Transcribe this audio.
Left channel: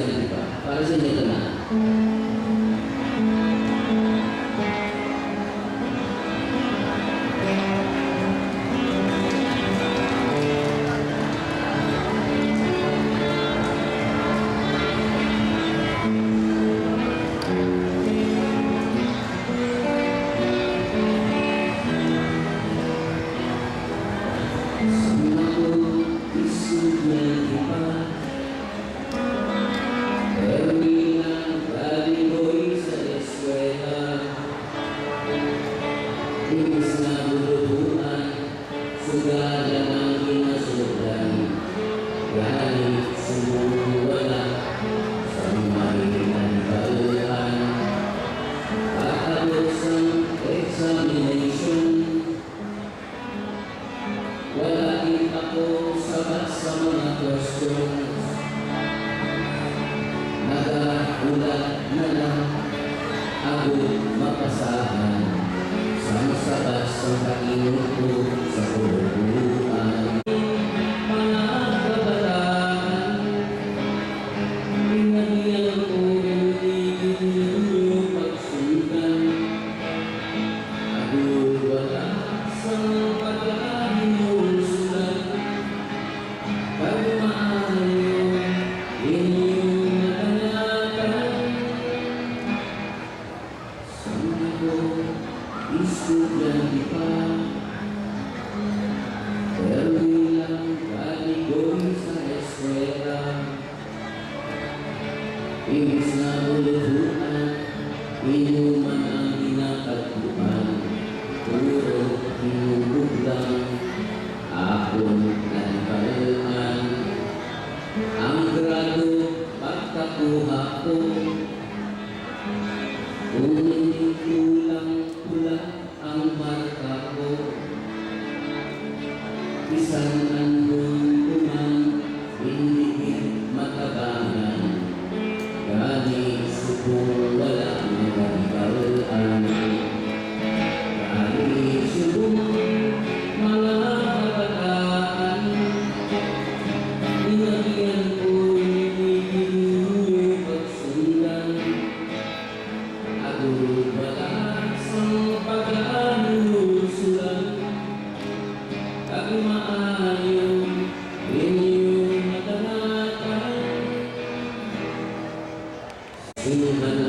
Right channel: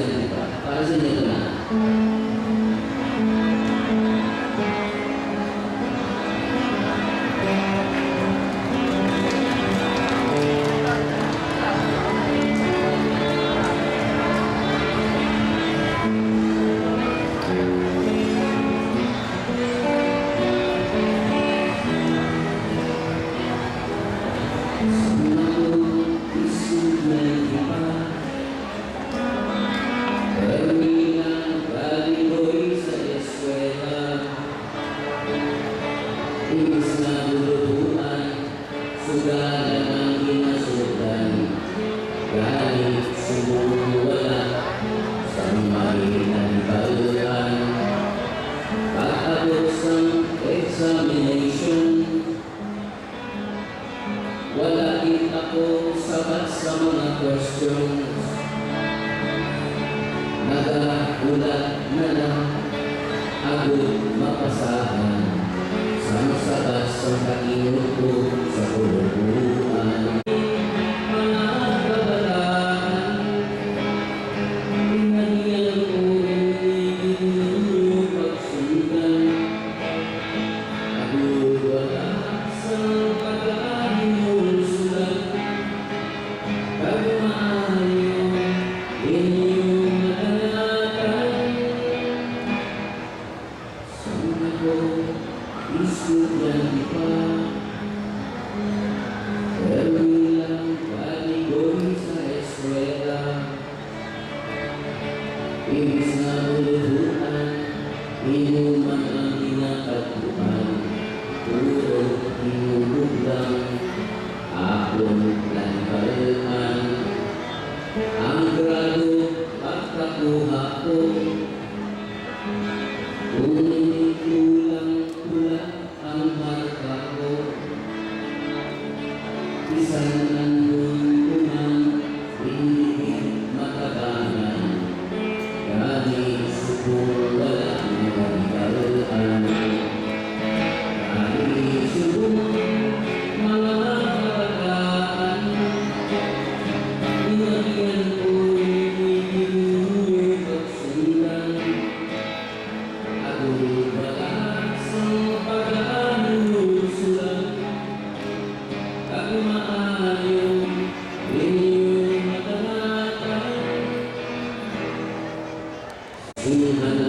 estudyante pa. Para sa inyo ito na. Wala din ako sabat sa mga questions. Nag-ulat na lang ako mapasahan sa sabat sa kainot ko sa kulubuan. Mga kabataan, pinagyan ko yung pagsundan. Ako wala sa pagkain mo. Estudyante pa, pero ilang paligoy sa eskwela. Imbis na uluhan, inuman ang ginakatuan. Puro hinubog lang, akong nagkalaan. Ang grado pagkakuha ko, kung hindi kulang-kulang ang marka ko, isang nandun kuman, hindi matabangan. Gani subong wala nagagalaan. Gani subong mga kabataan, inagyan ko yung pagsundan. Ako wala sa pag-aanusulan. Ako maayon inyong matanatan. Sinuhan